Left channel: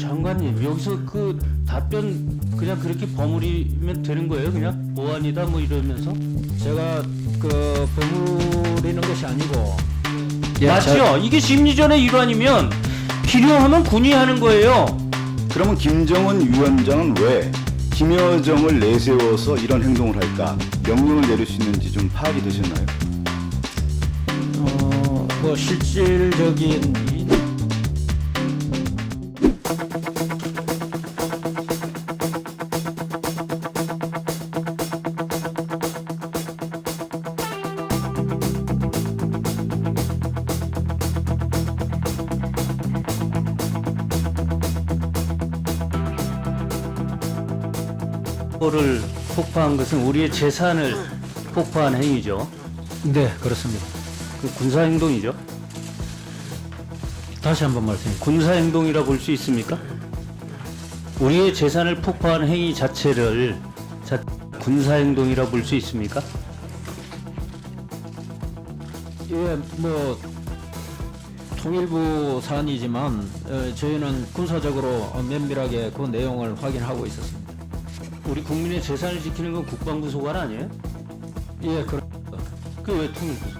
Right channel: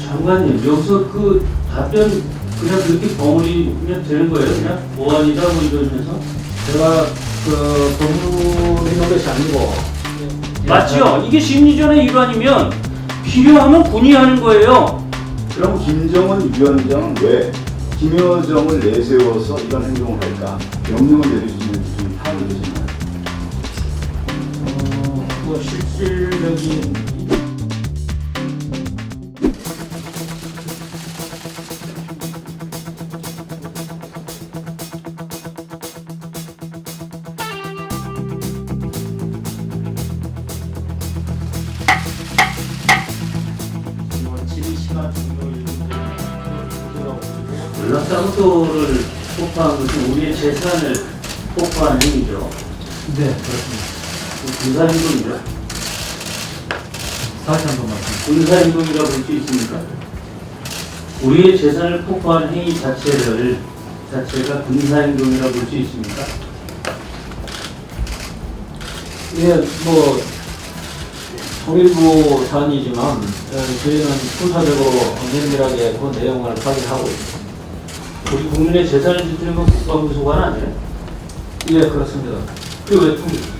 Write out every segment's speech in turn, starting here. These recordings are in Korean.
장관님, 여기서 그 답변 그냥 그렇게 버무리면 되는 거예요? 그냥 보안이다 뭐 이러면서? 제가 법률 이런 것이 아니고 맞죠? 이게 심리전의 일환이면 필요하면 군의하는 거예요. 그럼 김정은 위원장은 왜 김여정을 내세워서 이런 행동을 할까? 명령을 내릴 수 있는지 좀 파악이 되셨나요? 그 실질적인 전라상도를 폭파한 것은 우리의 재산을 폭파한 행위죠. 네 그렇습니다. 군사행동이죠. 다시 한번 말씀. 군사행동이라 볼 수 있습니까? 우리의 재산을 폭파한 행위 자체가 군사행동이라 볼 수 있습니까? 이게 뭐 조일부 사안이지만 저희는 순차적으로 면밀하게 그 내용을 확인하고 있습니다. 우리 국민의 재산을 지키는 건 국가부 소관 아니에요? 예 그렇습니다. 그게 왜 통일이에요?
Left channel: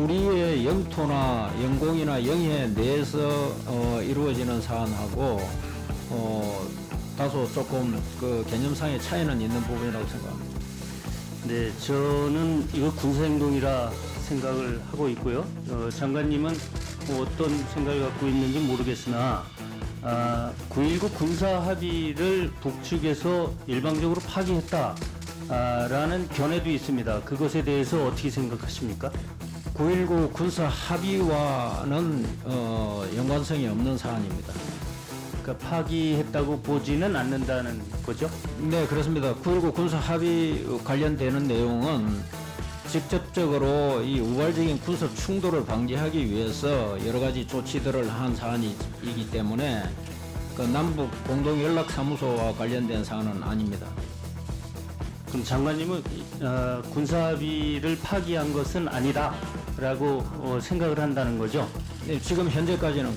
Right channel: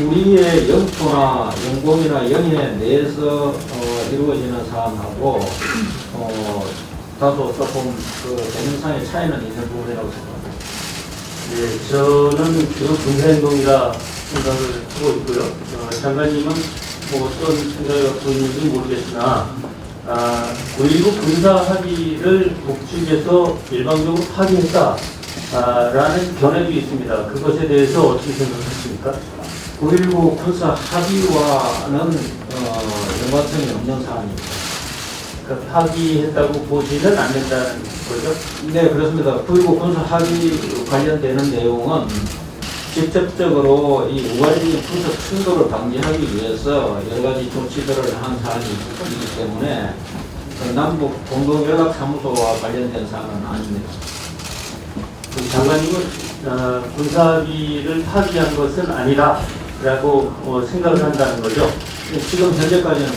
우리의 영토나 영공이나 영인에 대해서 이루어지는 사안하고 다소 조금 대명상의 차이는 있는 부분이라고 생각합니다. 네, 저는 이건 군사행동이라 생각을 하고 있고요. 장관님은 뭐 어떤 생각을 갖고 있는지 모르겠으나 9.19 군사 합의를 북측에서 일방적으로 파기했다라는 견해도 있습니다. 그것에 대해서 어떻게 생각하십니까? 9.19 군사 합의와는 연관성이 없는 사안입니다. 그러니까 파기했다고 보지는 않는다는 거죠? 네 그렇습니다. 9.19 군사 합의 관련되는 내용은 직접적으로 이 우발적인 군사 충돌을 방지하기 위해서 여러 가지 조치들을 한 사안이기 때문에 남북 공동연락사무소와 관련된 사안은 아닙니다. 장관님은 군사합의를 파기한 것은 아니라라고 생각을 한다는 거죠. 지금 현재까지는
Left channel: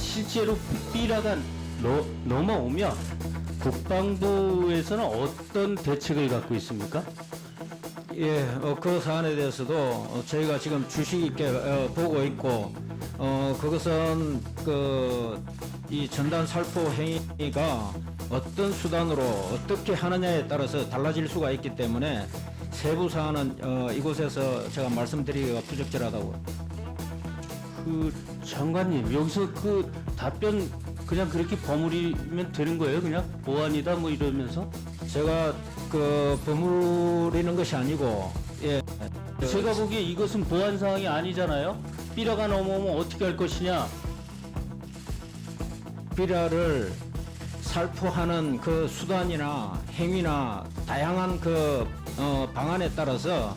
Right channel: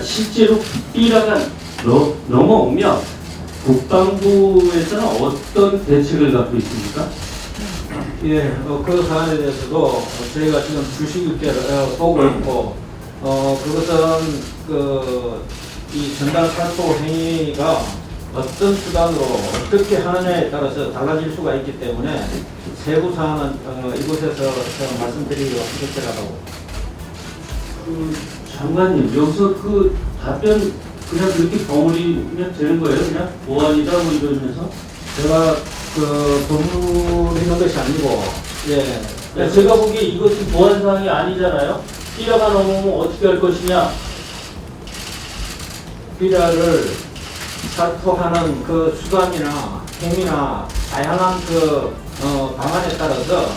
실제로 삐라가 넘어오면 국방부에서는 어떤 대책을 갖고 있습니까? 예, 그 사안에 대해서도 저희가 지금 주식 있게 보고 있고, 그것은 이 전단 살포 행위가 어떤 수단으로 어떻게 하느냐에 따라서 달라질 수가 있기 때문에 세부 사안은 이곳에서 제가 말씀드리기가 부족하다고. 장관님, 여기서 그 답변 그냥 그렇게 버무리면 되는 거예요? 그냥 보안이다 뭐 이러면서? 제가 법률 이런 것이 아니고, 예, 제가 보기에 이것은 보안 사항이 아니잖아요. 삐라가 넘어오면 어떻게 할 것이냐? 비자를 살포하는 그 수단이나 행위나 다양한 방안에 따라서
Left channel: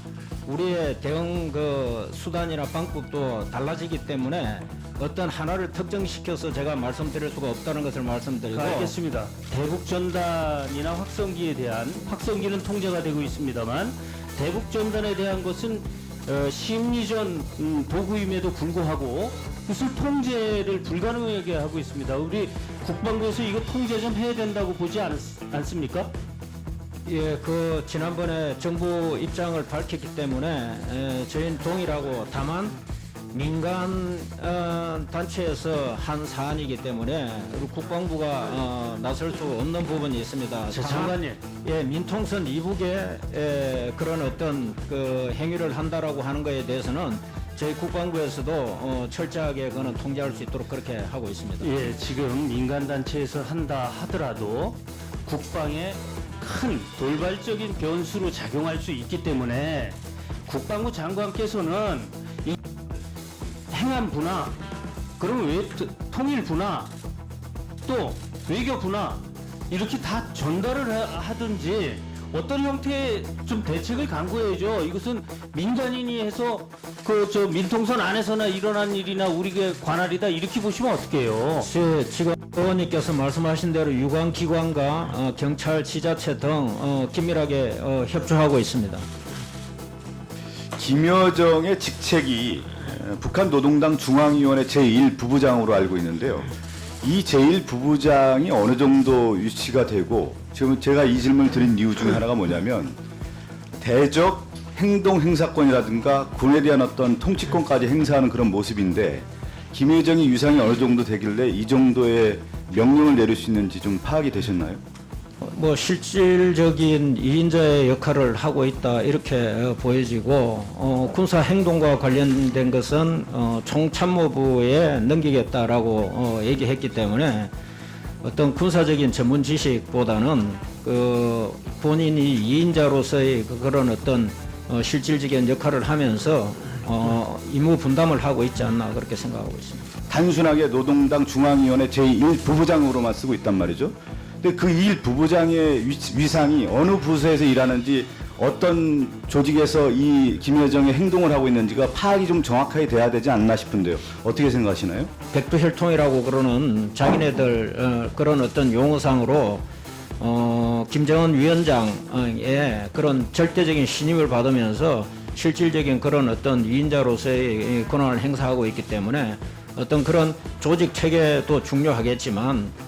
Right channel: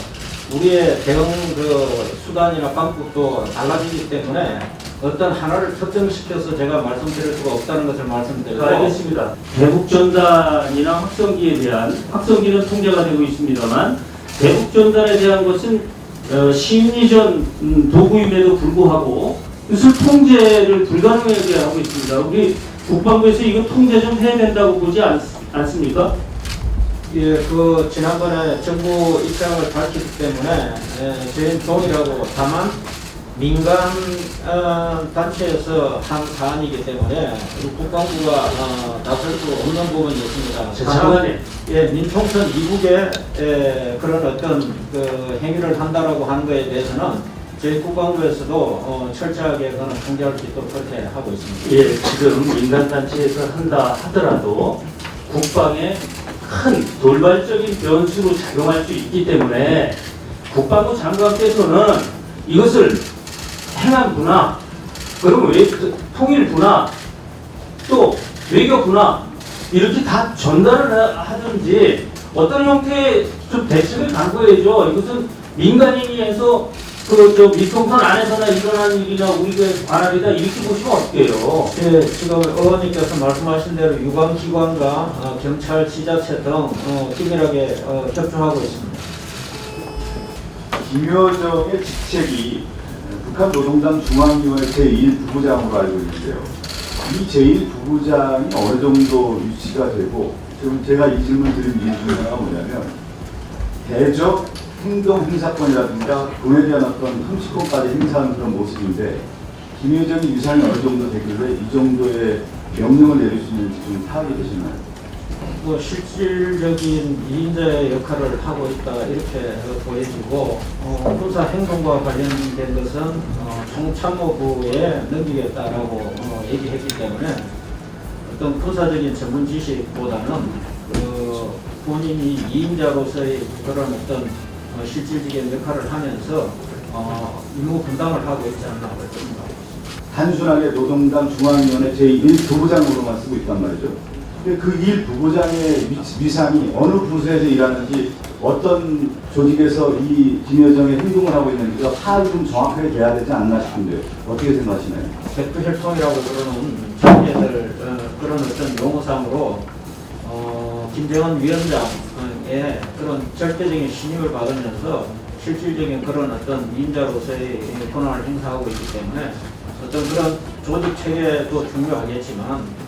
우리의 대응 수단이나 방법도 달라지기 때문에 어떤 하나를 특정시켜서 제가 말씀드릴 수가 없다는 것을 말씀드리고. 알겠습니다. 대북전단이나 확성기에 대한, 확성기는 통제가 되고 있습니다만 대북전단에 대한 것은 심리전 도구임에도 불구하고 그것을 통제를 불가능하게 하고 있습니다. 우리 국방부에서 이거 통제 좀 해야 된다고 보지 않습니까? 예, 지난번에 정부 입장을 밝혔기 때문에 저희는 동의하고, 다만 민간 단체에서 한 사안이기 때문에 국방부가 나설 수 없는 부분이 있습니다. 장관님. 예, 민통선 이국에 그런 어떤 행위를 한다라고 하는 것에 대해서는 저희 국방부에서도 철저하게 그거는 통제할 수 있도록 그렇게 하고 있습니다. 예, 지금 민간단체에서 한다 하더라도 국방에 큰 돌발적인 변수로 작용할 수 있기 때문에 국방부 장관께서는 이것을 행안부나 그리고 통일부나 또 외교부나 이렇게 다 전달을 하든지 어떤 형태의 좀 대책을 강구해야죠. 이것은 민간인이 해서 민통선 안에서나 일어난 일이나 우리가 관할이다 이렇게 보시면 어떡해요? 예, 지금 의원님께서 말씀하신 대로 유관기관과 경찰, 지자체 등 긴밀하게 협조하고 있습니다. 김여정의 직책이 북한 노동당 중앙위원회 제1부부장으로 알고 있는데요. 이 제1부부장이 어느 정도 유치가 되고, 지금 제가 이 질문 드린 이유 중에 하나가 뭐냐면 대적 행동 행사권이라든가 군에 대한 어떤 통치권까지 행사하는 그런 모습인데, 김여정이 위상이 어느 정도 되길래 이 정도의 명령을 내릴 수 있는지 좀 파악이 되셨나요? 뭐 실질적인 2인자의 역할을 하고 있다 이렇게 보여지고, 군사 행동과 관련된 것은 총참모부에 넘기겠다라고 얘기했기 때문에 어떤 군사적인 전문 지식보다는 그 본인이 2인자로서의 그런 어떤 실질적인 역할을 하면서 임무 분담을 하고 있지 않나 그렇게 생각하고 있습니다. 단순하게 노동당 중앙위원회 제1부부장으로만 쓰고 있단 말이죠. 근데 그 1부부장의 위상이 어느 부서에서 일하는지, 어떤 조직에서 이 김여정의 행동을 하고 있는지가 파악이 좀 정확하게 돼야 되지 않나 싶은데요. 어떻게 생각하시나요? 백두혈통이라고 그러는 자기네들 그런 어떤 용어상으로 김정은 위원장의 그런 절대적인 신임을 받으면서 실질적인 그런 어떤 위인자로서의 권한을 행사하고 있기 때문에 어떤 그런 조직 체계도 중요하겠지만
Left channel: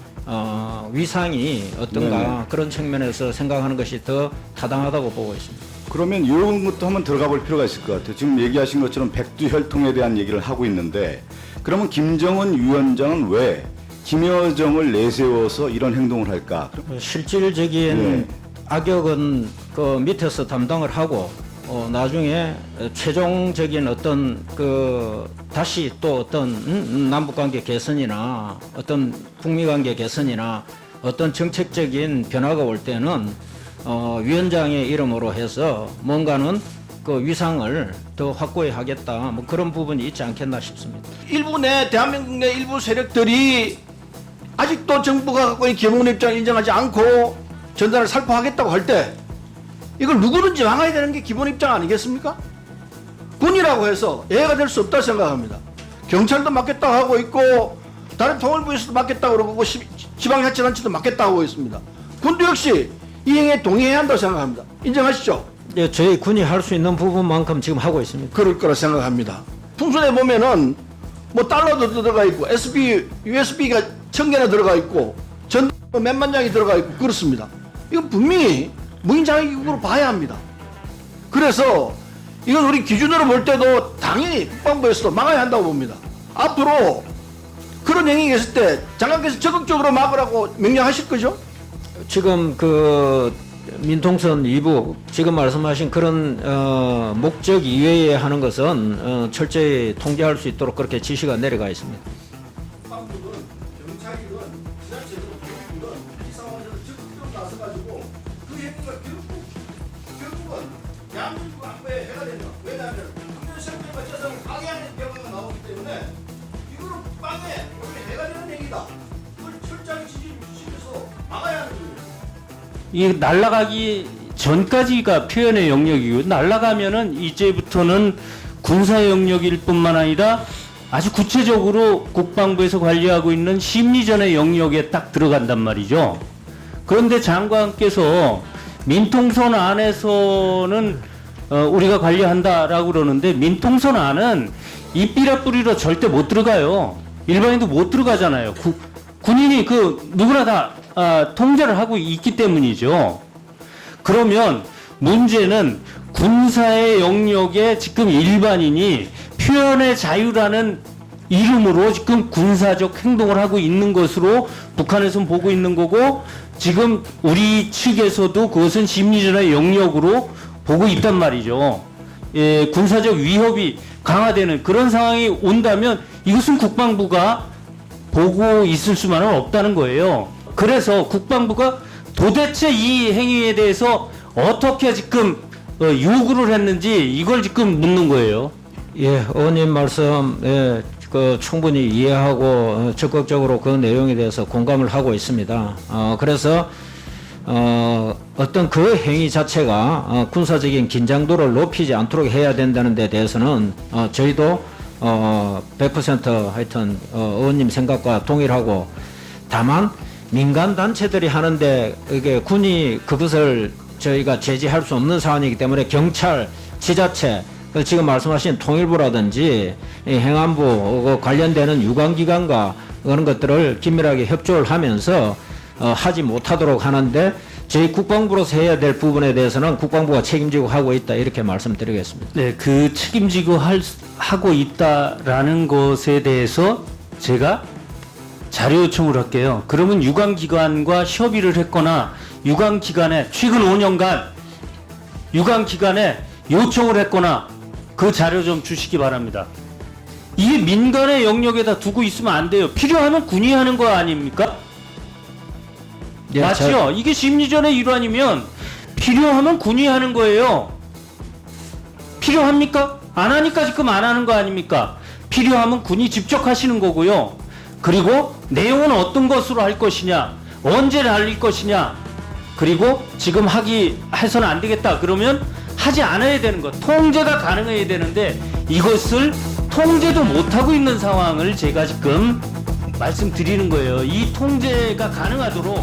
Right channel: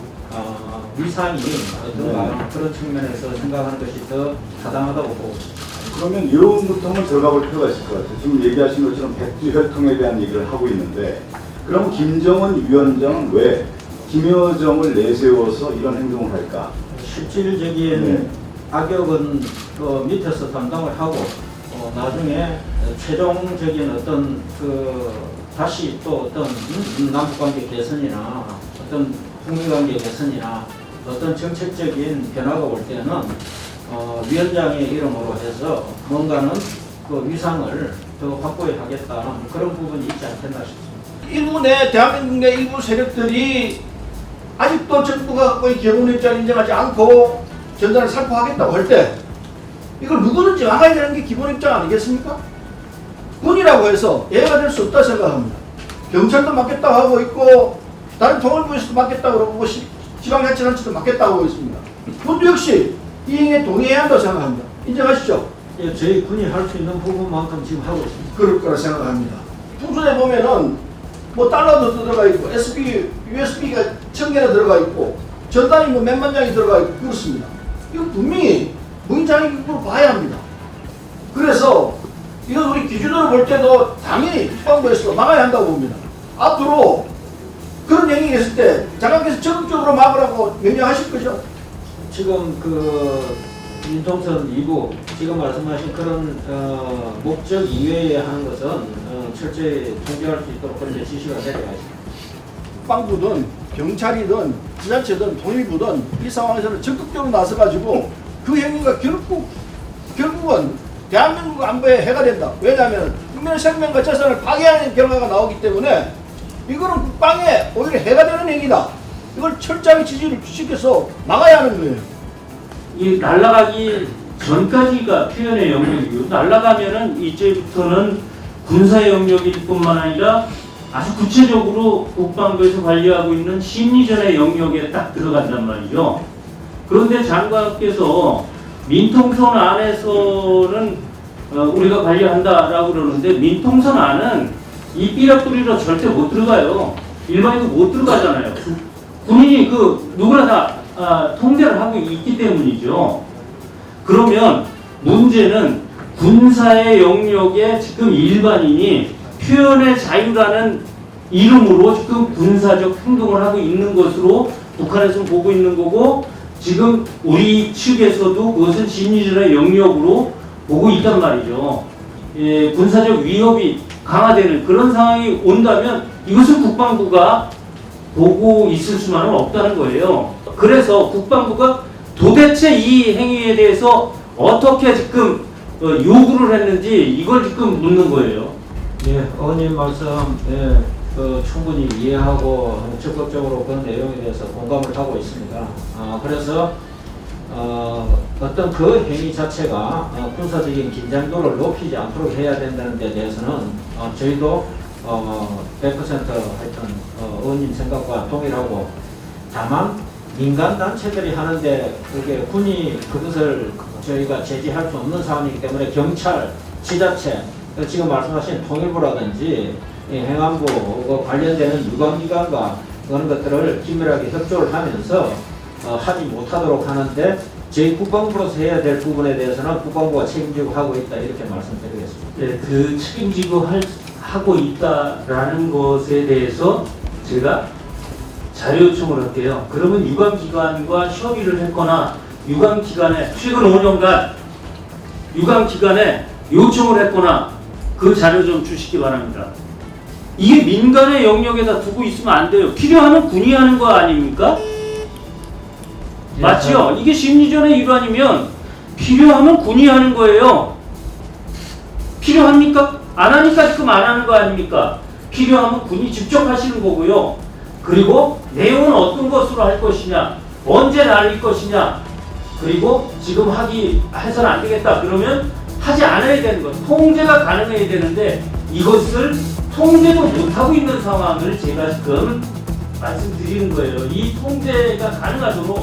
위상이 어떤가 그런 측면에서 생각하는 것이 더 타당하다고 보고 있습니다. 그러면 이런 것도 한번 들어가 볼 필요가 있을 것 같아요. 지금 얘기하신 것처럼 백두혈통에 대한 얘기를 하고 있는데, 그럼 김정은 위원장은 왜 김여정을 내세워서 이런 행동을 할까? 실질적인 악역은 그 밑에서 담당을 하고 나중에 최종적인 어떤 그 다시 또 어떤 남북관계 개선이나 어떤 북미관계 개선이나 어떤 정책적인 변화가 올 때는 위원장의 이름으로 해서 뭔가는 그 위상을 더 확고히 하겠다, 뭐 그런 부분이 있지 않겠나 싶습니다. 일부 내 대한민국 내 일부 세력들이 아직도 정부가 갖고 있는 경운 입장을 인정하지 않고 전단을 살포하겠다고 할 때 이걸 누구든지 막아야 되는 게 기본 입장 아니겠습니까? 군이라고 해서 예외가 될 수 없다고 생각합니다. 경찰도 막겠다고 하고 있고 다른 통일부에서도 막겠다고 그러고 지방자치단체도 막겠다고 하고 있습니다. 군도 역시 이 행위에 동의해야 한다고 생각합니다. 인정하시죠? 예, 저희 군이 할 수 있는 부분만큼 지금 하고 있습니다. 그럴 거라 생각합니다. 풍선에 보면은 뭐 달러도 들어가 있고 USB가 1000개나 들어가 있고 전단이 뭐 몇만 장이 들어가 있고 그렇습니다. 이거 분명히 무인장애국으로 봐야 합니다. 그래서 이건 우리 기준으로 볼 때도 당연히 국방부에서도 막아야 한다고 봅니다. 앞으로 그런 행위가 있을 때 장관께서 적극적으로 막으라고 명령하실 거죠? 지금 그 민통선 2부 지금 말씀하신 그런 목적 이외에 하는 것은 철저히 통제할 수 있도록 그렇게 지시가 내려가 있습니다. 국방부든 경찰이든 지자체든 통일부든 이 상황에서는 적극적으로 나서가지고 그 행위가 결국은 대한민국 안보에 해가 된다. 왜냐하면 국민의 생명과 재산을 파괴하는 결과가 나오기 때문에 이거는 국방에 오히려 해가 되는 행위다. 이걸 철저하게 지지를 주시켜서 막아야 하는 거예요. 이 날아가기 전까지가 표현의 영역이고, 날아가면은 이제부터는 군사 영역일 뿐만 아니라 아주 구체적으로 국방부에서 관리하고 있는 심리전의 영역에 딱 들어간단 말이죠. 그런데 장관께서 민통선 안에서는 우리가 관리한다라고 그러는데, 민통선 안은 이 삐라뿌리로 절대 못 들어가요. 일반인도 못 들어가잖아요. 군인이 그 누구나 다 통제를 하고 있기 때문이죠. 그러면 문제는 군사의 영역에 지금 일반인이 표현의 자유라는 이름으로 지금 군사적 행동을 하고 있는 것으로 북한에서는 보고 있는 거고, 지금 우리 측에서도 그것은 심리전의 영역으로 보고 있단 말이죠. 예, 군사적 위협이 강화되는 그런 상황이 온다면 이것은 국방부가 보고 있을 수만은 없다는 거예요. 그래서 국방부가 도대체 이 행위에 대해서 어떻게 지금 요구를 했는지 이걸 지금 묻는 거예요. 예, 의원님 말씀 충분히 이해하고 적극적으로 그 내용에 대해서 공감을 하고 있습니다. 그래서 어떤 그 행위 자체가 군사적인 긴장도를 높이지 않도록 해야 된다는 데 대해서는 저희도 100% 하여튼 의원님 생각과 동일하고, 다만 민간 단체들이 하는데 그게 군이 그것을 저희가 제지할 수 없는 사안이기 때문에 경찰, 지자체 그래서 지금 말씀하신 통일부라든지 이 행안부 관련되는 유관기관과 그런 것들을 긴밀하게 협조를 하면서 하지 못하도록 하는데 저희 국방부로서 해야 될 부분에 대해서는 국방부가 책임지고 하고 있다 이렇게 말씀드리겠습니다. 네, 그 책임지고 하고 있다라는 것에 대해서 제가 자료 요청을 할게요. 그러면 유관기관과 협의를 했거나 유관기관에 최근 5년간 유관기관에 요청을 했거나 그 자료 좀 주시기 바랍니다. 이게 민간의 영역에다 두고 있으면 안 돼요. 필요하면 군이 하는 거 아닙니까? 예, 맞죠? 이게 심리전의 일환이면 필요하면 군이 하는 거예요. 필요합니까? 안 하니까 지금 안 하는 거 아닙니까? 필요하면 군이 직접 하시는 거고요. 그리고 내용은 어떤 것으로 할 것이냐, 언제 날릴 것이냐, 그리고 지금 해서는 안 되겠다 그러면 하지 않아야 되는 것, 통제가 가능해야 되는데 이것을 통제도 못하고 있는 상황을 제가 지금 말씀드리는 거예요. 이 통제가 가능하도록